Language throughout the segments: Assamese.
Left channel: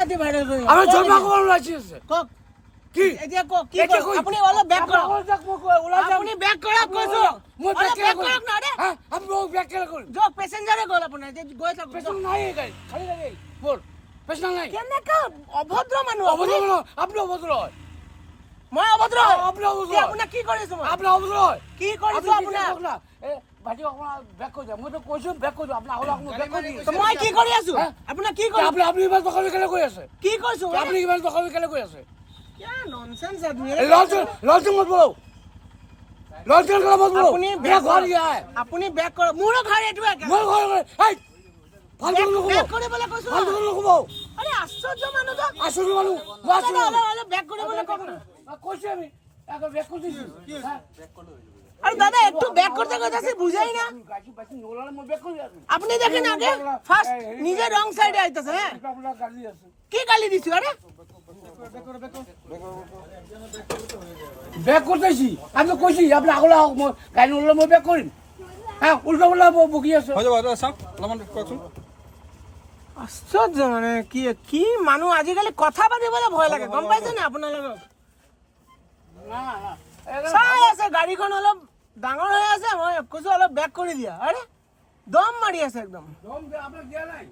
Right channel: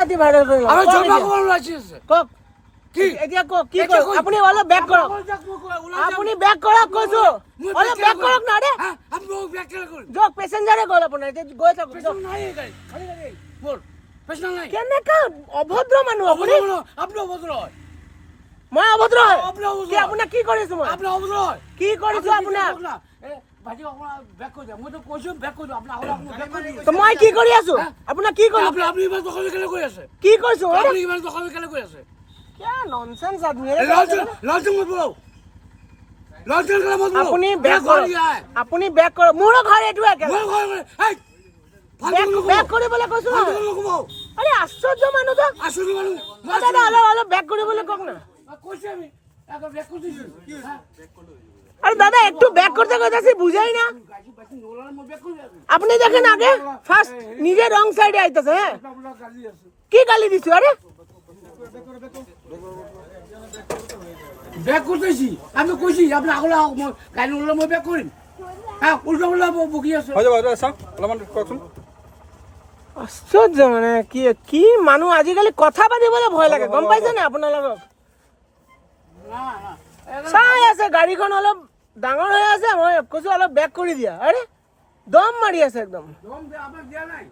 আৰু জমা কৰিব ওলাইছে কওক কি এতিয়া কওক কি আপুনি অলপ বেক কৰক আপুনি বেক কৰক কৈছো মই অলপ বেক কৰক না ৰে আমি বেক কেলে কৰিম যক পেছেঞ্জাৰে গ'ল আপোনাৰ এতিয়া গৈ থাকক পেছন নাই গাড়ী খালি লাগে বল পেছন নাই কেনেকা অভদ্ৰ মানুহ অভদ্ৰ মানুহ আপুনি অভদ্ৰ হয় মই অভদ্ৰ আপুনি অভদ্ৰ আপোনাক কি কৰিছো মই আপুনি অভদ্ৰ হয় কি কৰিছো আপোনাক এ ভাইটি অকণমান বেক কৰি দিয়া মইতো কৈছো বেক কৰি দিওঁ আপুনি আগলৈ অকণমান বেক কৰি দিওঁ তো মই কি কৰি আছো আপোনাক কি কৰি আপুনি ইমান দখল কেলে কৰি আছে কি কৰিছো আপুনি ইমান দখল কেলে কৰি আছে क्या नॉनसेंस आदमी है लॉजिक मत बोलो लॉजिक मत बोलो আপুনি मेरा বেক घर ये है আপুনি বেক কৰক মোৰ ঘৰ এটো একে मैं घर में ए फालतू लोग বেক কৰিবলৈ কৈছো फालतू लोग को আৰে আশ্চৰ্য মানুহ তো আসল মানুষ বাস দাদা অলপ অলপ বেক কৰিবলৈ কওক না কইছি আমি আগে ব্যাক করে দিছি কি ব্যাক করে আরে দাদা একটু ব্যাক করতে কইতাছি বুঝাই না গাড়ি বাসি নোলালে মই ব্যাক করে দিছি আপনি দেখেন আগে ফার্স্ট নিজে রং সাইডে আইতাছে হ্যাঁ আপনার গাড়ি আছে কি গালি দিছো আরে ব্যাক করতেছি আমি কইছি আপনি আগলে মই গাড়ি নোলালে মই ব্যাক করিম হ্যাঁ উল্টো বলা বকি আছে হৈ যাব চাওক অলপমান কওকচোন আশ্চর্য মানে কি কি মানুহ আজিকালি কথা পাতিবলৈ ভয় লাগে গম পাইছে না আপোনালোকক না না চাই আছে গাড়ীখন অলপ ডাঙৰ হৈ আছে মই কৈছো অলপ বেক কৰি দিয়া আৰে দম মাৰি আছে একদম দম আপনাৰ দিয়া নাই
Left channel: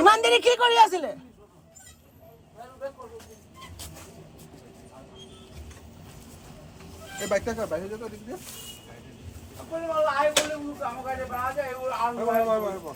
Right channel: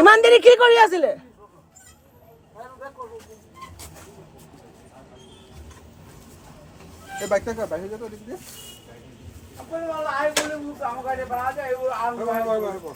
ইমান দেৰি কি কৰি আছিলে এই বাইকটা বাইক হৈ যাব দেখি দিয়া আপনি বলা আই বলে আমার গাড়ি ভাড়া যায় আর হয়